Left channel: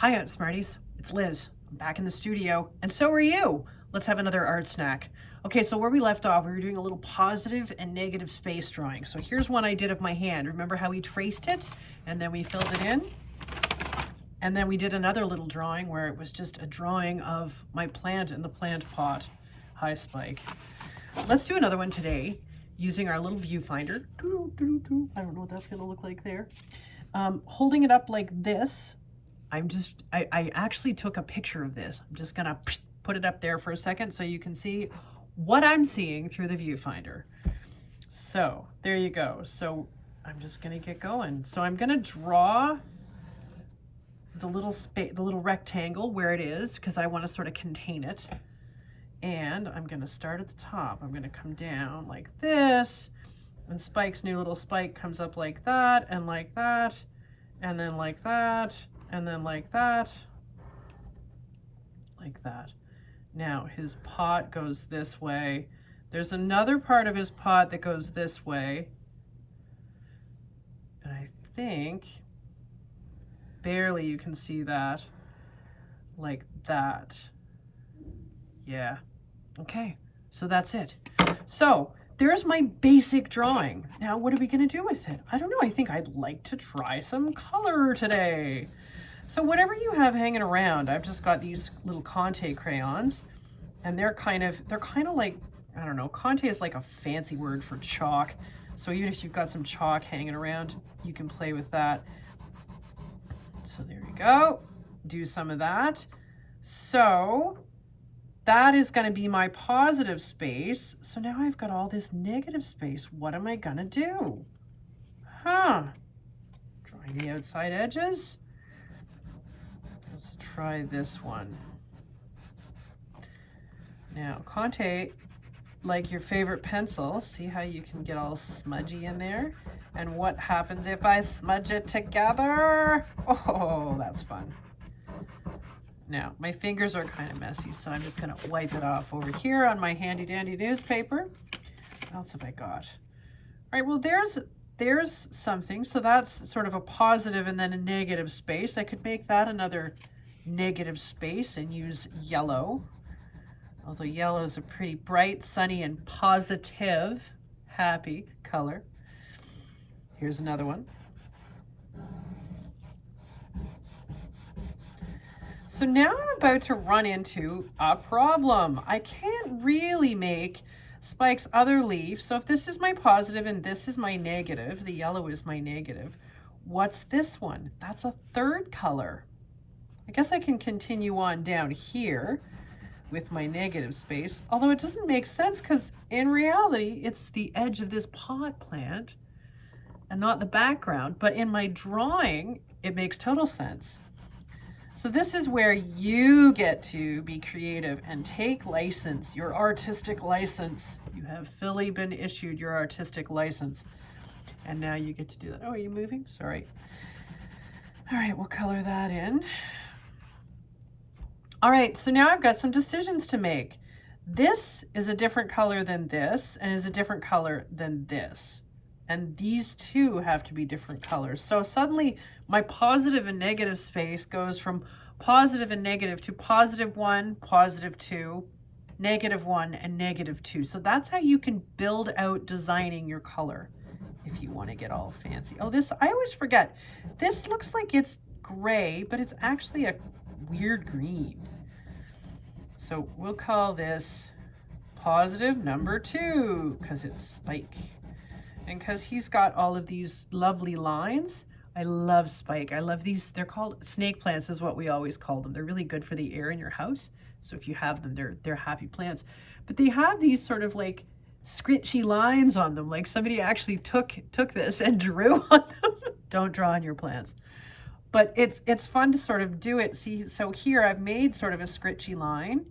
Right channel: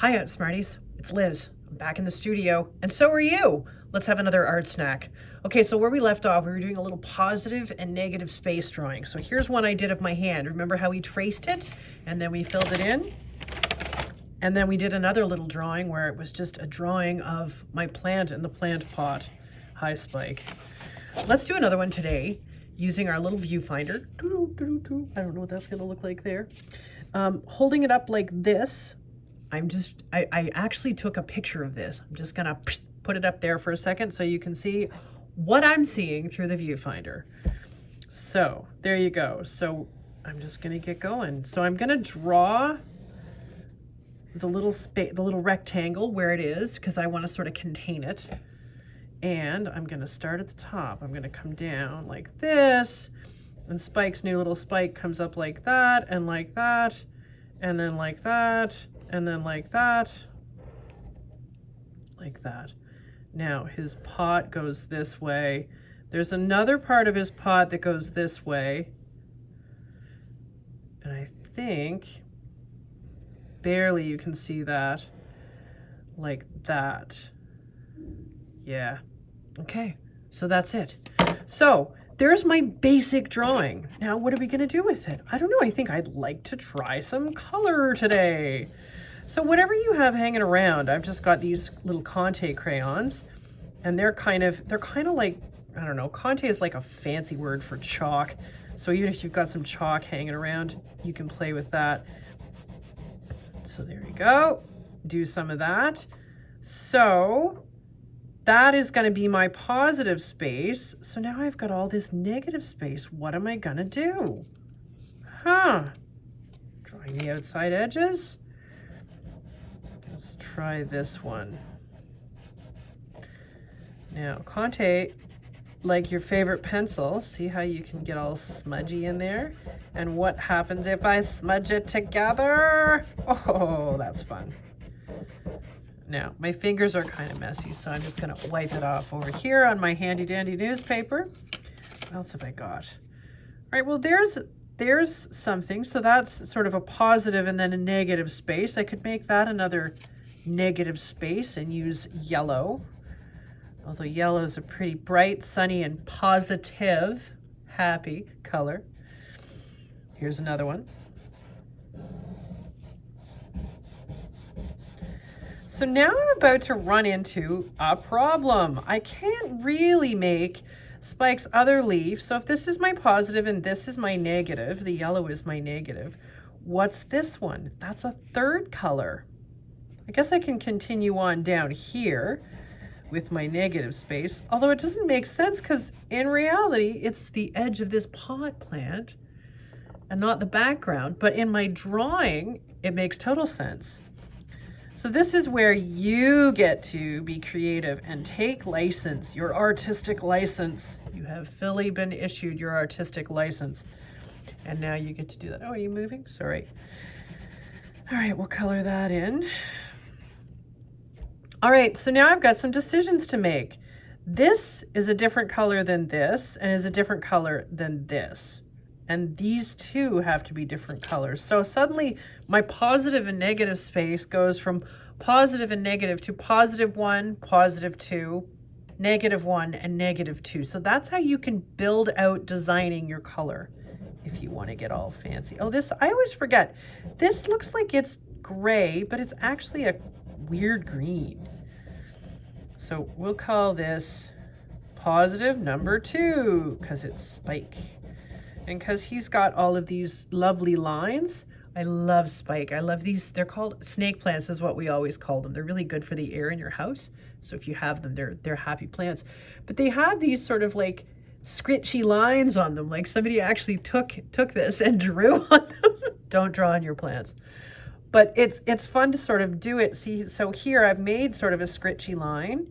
Hi, Art Smarties. It's Liz. I'm back in the studio, and so are you. Let's have another art snack. Okay, so where we left off, we were doing a little positive and negative space drawing. So here's one I did of my hand. Remember how we traced it, and then we filled it in? And then we did another little drawing where it was just a drawing of my plant in the plant pot. Hi, Spike. Let's do another one today using our little viewfinder. I don't know what that's gonna look like there. Holding it up like this. I actually took a picture of this. I'm just gonna put it up there for a second so you can see what I'm seeing through the viewfinder. So there you go. So I'm just gonna get going. So I'm gonna draw the little rectangle where it is because I want to sort of contain it. And I'm gonna start at the top. I'm gonna come down like this, and Spike's new little spike comes up like that, and like that, and then like that, and then like that, like that. Now his pot goes this way. There's another part of his pot that goes this way. And I think barely you can see that, like that. Yeah, okay, so that's it. So there's my basic drawing. Now what are we gonna do with it? I don't know, I think I'd like to try some color today. So whatever you have hanging around, I've just got these little conte crayons, and they're kind of like, I don't know, conte is like a fancy word for chalk. So even if you've got some chalk hanging around, you can play with that. So there you go, do some of that. So that is gonna be my positive space. So now I've got all this negative space. What am I gonna do? Drawing the outside edges. Let's try this one. Now, conte, like your favorite pencil, see how you can get all smudgy in there? And what happens if I smudge it together? Oh, that's fun. Now, my fingers are kind of messy, so I'm just gonna wipe it off over here on my handy dandy newspaper. What else have I got? All right, well, there's something. So that's sort of a positive and then a negative space. I could make that another negative space and use yellow. Although yellow is a pretty bright, sunny, and positive, happy color. Here's another one. So now I'm about to run into a problem. I can't really make Spike's other leaf. So if this is my positive and this is my negative, the yellow is my negative, what's this one? That's a third color. I guess I can continue on down here with my negative space, although it doesn't make sense because in reality, it's the edge of this pot plant and not the background. But in my drawing, it makes total sense. So this is where you get to be creative and take license, your artistic license. You have fully been issued your artistic license. And now you get to do that. Oh, are you moving? Sorry. All right, we'll color that in. All right, so now I've got some decisions to make. This is a different color than this and is a different color than this. And these two have to be different colors. So suddenly my positive and negative space goes from positive and negative to +1, +2, -1, and -2. So that's how you can build out designing your color if you want to get all fancy. Oh, this, I always forget. This looks like it's gray, but it's actually a weird green. So we'll call this positive number 2 because it's Spike. And because he's got all of these lovely lines. I love Spike. I love these. They're called snake plants is what we always call them. They're really good for the air in your house. So if you have them, they're happy plants. But they have these sort of like scritchy lines on them. Like somebody actually took this and drew on them. Don't draw on your plants. But it's fun to sort of do it. See, so here I've made sort of a scritchy line.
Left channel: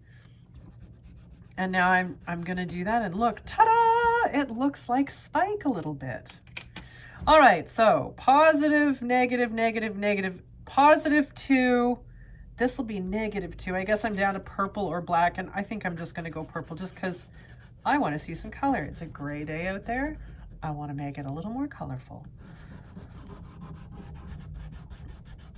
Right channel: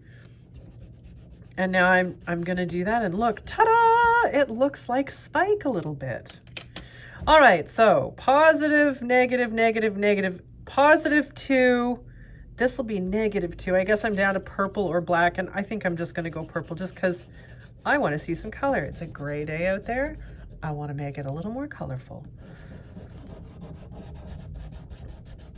And now I'm gonna do that and look, ta-da! It looks like Spike a little bit. All right, so positive, negative, negative, negative, +2. This will be -2. I guess I'm down to purple or black, and I think I'm just gonna go purple just because I wanna see some color. It's a gray day out there. I wanna make it a little more colorful.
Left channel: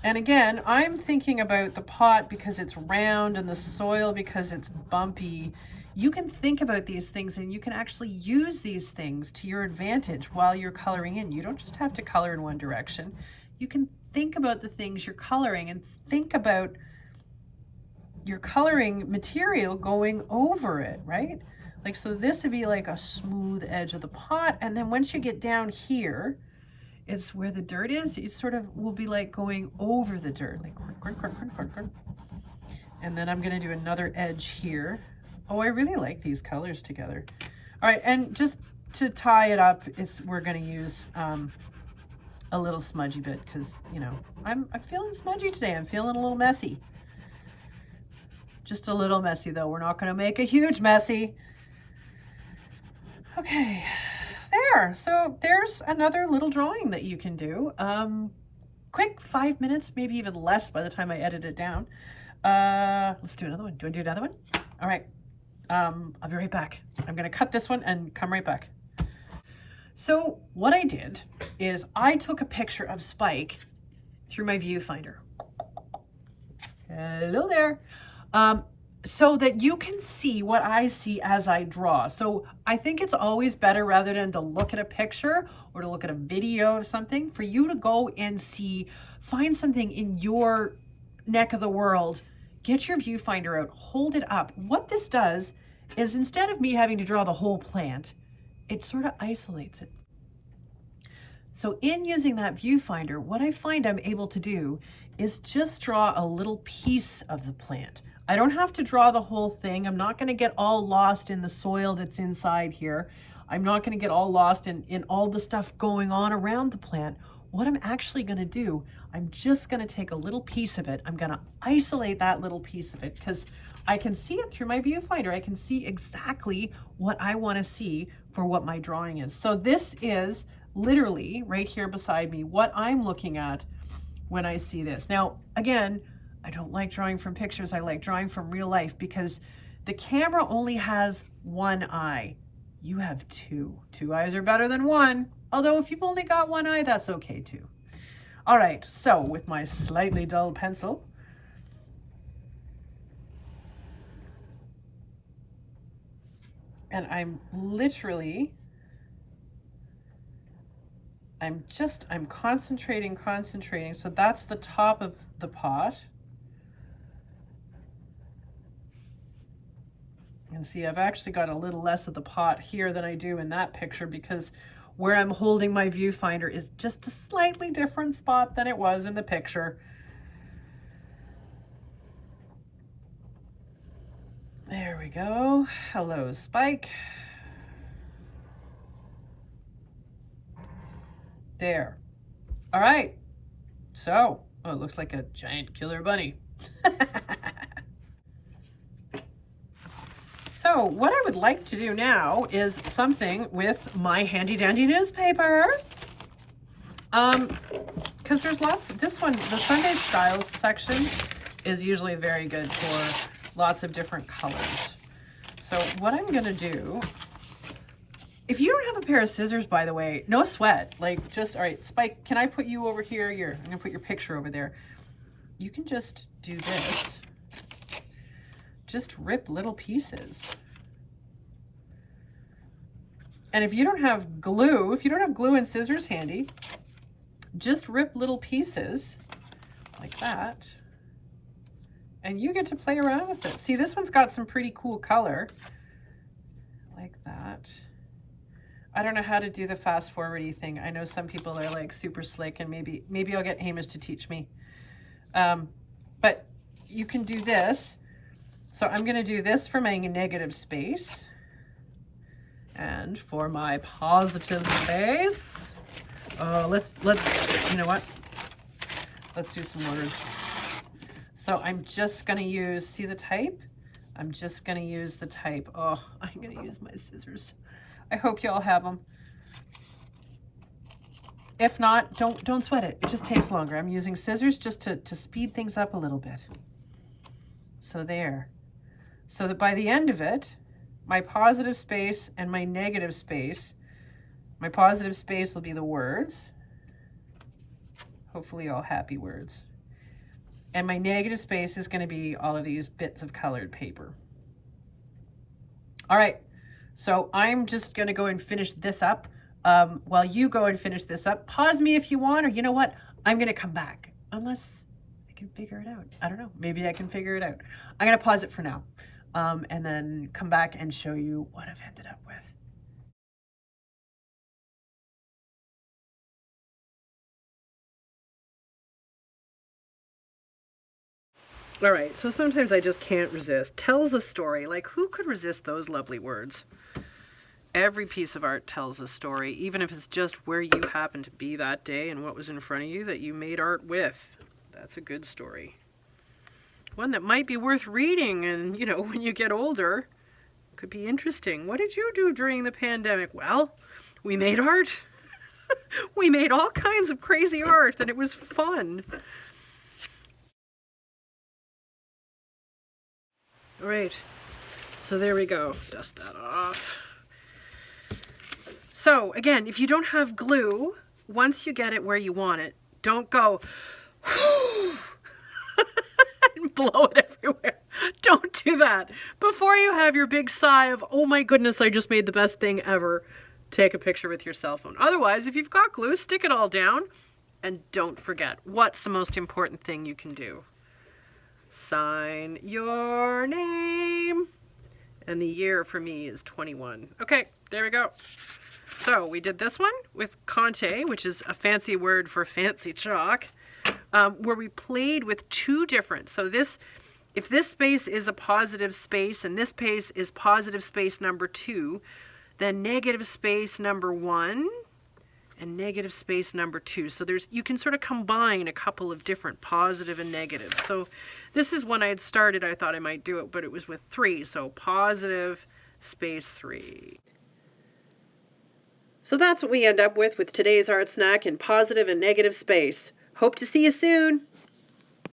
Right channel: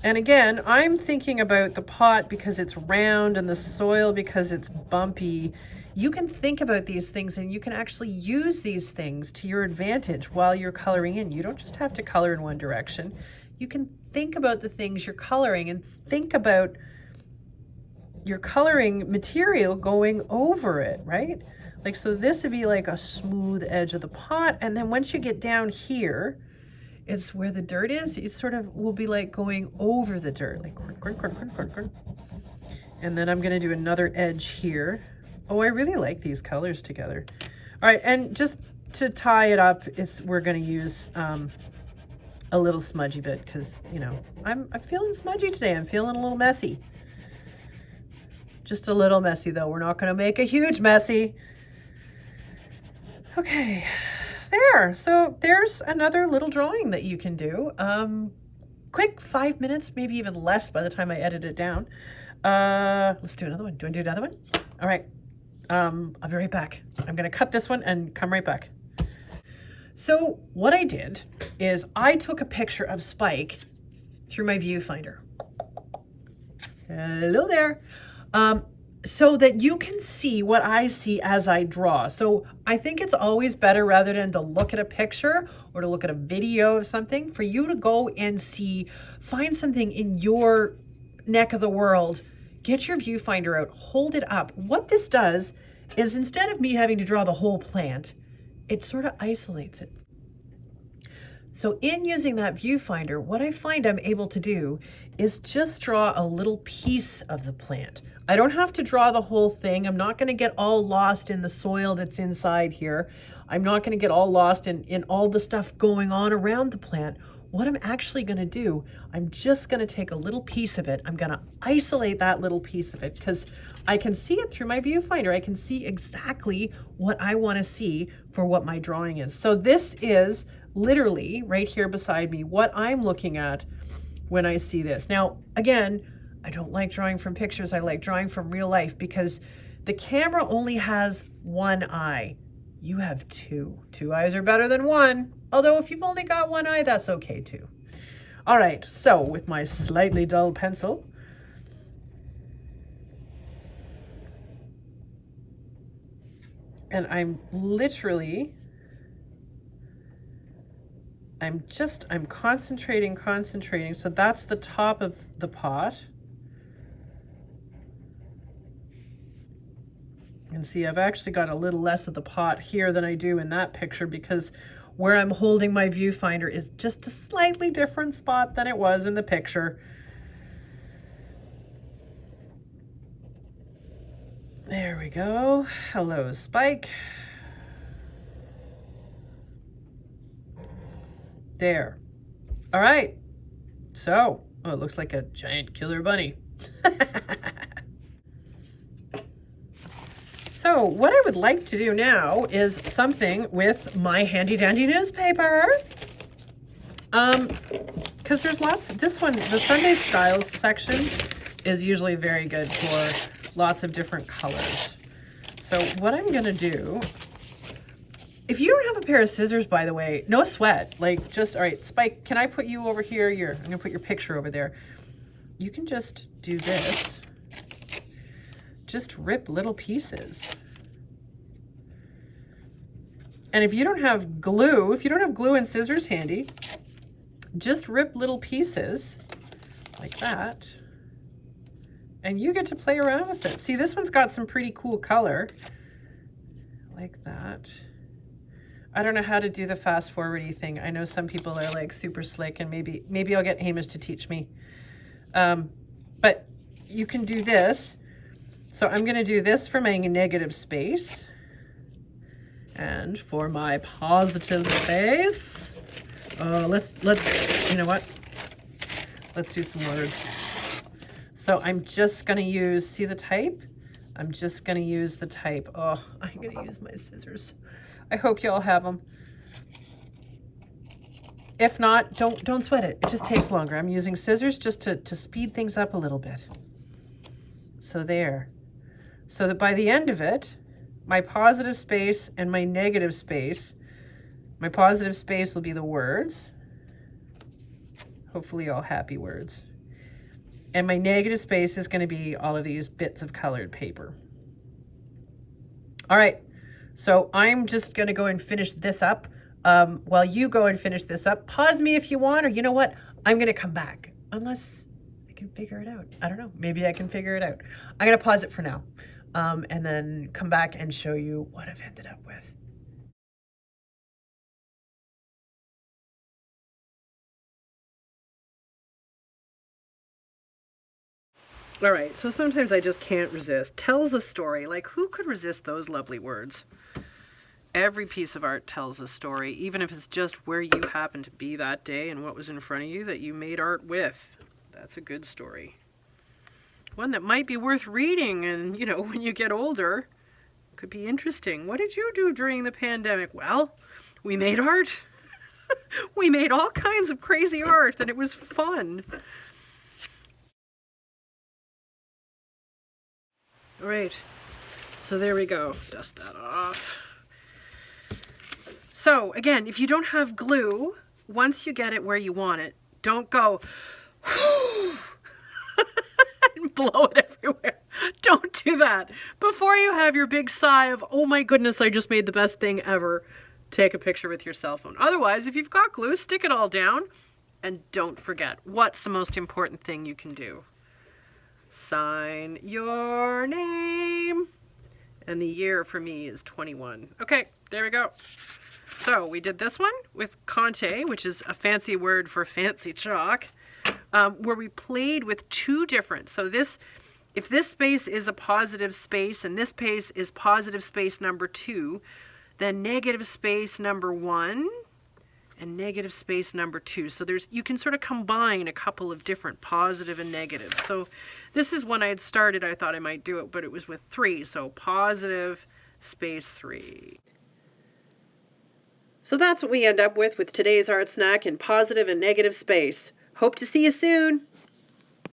And again, I'm thinking about the pot because it's round and the soil because it's bumpy. You can think about these things and you can actually use these things to your advantage while you're coloring in. You don't just have to color in one direction. You can think about the things you're coloring and think about your coloring material going over it, right? Like, so this would be like a smooth edge of the pot. And then once you get down here, it's where the dirt is. It sort of will be like going over the dirt, like, and then I'm gonna do another edge here. Oh, I really like these colors together. All right, and just to tie it up, we're gonna use a little smudgy bit because, you know, I'm feeling smudgy today. I'm feeling a little messy. Just a little messy though. We're not gonna make a huge messy. Okay. There, so there's another little drawing that you can do. Quick 5 minutes, maybe even less by the time I edit it down. Let's do another one. Do you want to do another one? All right, I'll be right back. I'm gonna cut this one and come right back. So what I did is I took a picture of Spike through my viewfinder. Hello there. So that you can see what I see as I draw. So I think it's always better, rather than to look at a picture or to look at a video of something, for you to go and find something in your neck of the world, get your viewfinder out, hold it up. What this does is, instead of me having to draw the whole plant, it sort of isolates it. So in using that viewfinder, what I find I'm able to do is just draw a little piece of the plant. I don't have to draw the whole thing. I'm not going to get all lost in the soil that's inside here. I'm not going to get all lost in all the stuff going on around the plant. What I'm actually going to do, I'm just going to take a little piece of it. I'm going to isolate that little piece of it because I can see it through my viewfinder. I can see exactly what I want to see for what my drawing is. So this is literally right here beside me what I'm looking at when I see this. Now, again, I don't like drawing from pictures. I like drawing from real life because the camera only has one eye. You have two. Two eyes are better than one. Although if you've only got one eye, that's okay too. All right, so with my slightly dull pencil, and I'm concentrating. So that's the top of the pot. And see, I've actually got a little less of the pot here than I do in that picture because where I'm holding my viewfinder is just a slightly different spot than it was in the picture. There we go. Hello, Spike. There. All right. So, oh, it looks like a giant killer bunny. So what I would like to do now is something with my handy dandy newspaper. Because there's lots, this one, the Sunday Styles section is usually very good for lots of different colors. So what I'm gonna do, if you don't have a pair of scissors, by the way, no sweat, like just, all right, Spike, can I put you over here? I'm gonna put your picture over there. You can just do this. Just rip little pieces. And if you don't have glue, and scissors handy, just rip little pieces like that. And you get to play around with it. See, this one's got some pretty cool color. Like that. I don't know how to do the fast forward-y thing. I know some people are like super slick, and maybe I'll get Hamish to teach me. But you can do this. So I'm going to do this for my negative space, and for my positive space, let's, you know what? Let's do some words. So I'm just going to use, see the type? I'm just going to use the type. Oh, I'm going to use my scissors. I hope you all have them. If not, don't sweat it. It just takes longer. I'm using scissors just to speed things up a little bit. So there. So that by the end of it, my positive space and my negative space, my positive space will be the words. Hopefully all happy words. And my negative space is going to be all of these bits of colored paper. All right, so I'm just going to go and finish this up. While you go and finish this up, pause me if you want, or you know what? I'm going to come back, unless I can figure it out. I don't know. Maybe I can figure it out. I'm going to pause it for now, and then come back and show you what I've ended up with. All right, so sometimes I just can't resist. Tells a story. Like, who could resist those lovely words? Every piece of art tells a story, even if it's just where you happen to be that day and what was in front of you that you made art with. That's a good story. One that might be worth reading, and, you know, when you get older, could be interesting. What did you do during the pandemic? Well, we made art. We made all kinds of crazy art, and it was fun. All right, so there we go. Dust that off. So again, if you don't have glue, once you get it where you want it, don't go and blow it everywhere. Don't do that. Before you have your big sigh of, oh my goodness, I just made the best thing ever, take a picture with your cell phone. Otherwise, if you've got glue, stick it all down, and don't forget, what's the most important thing you can do? Sign your name. And the year for me is 21. Okay, there we go. So we did this one with conte, which is a fancy word for fancy chalk, where we played with two different. So this, if this space is a positive space and this space is positive space number 2, then negative space number 1 and negative space number 2. So you can sort of combine a couple of different positive and negative. So this is when I had started, I thought I might do it, but it was with 3. So positive space 3. So that's what we end up with today's art snack in positive and negative space. Hope to see you soon.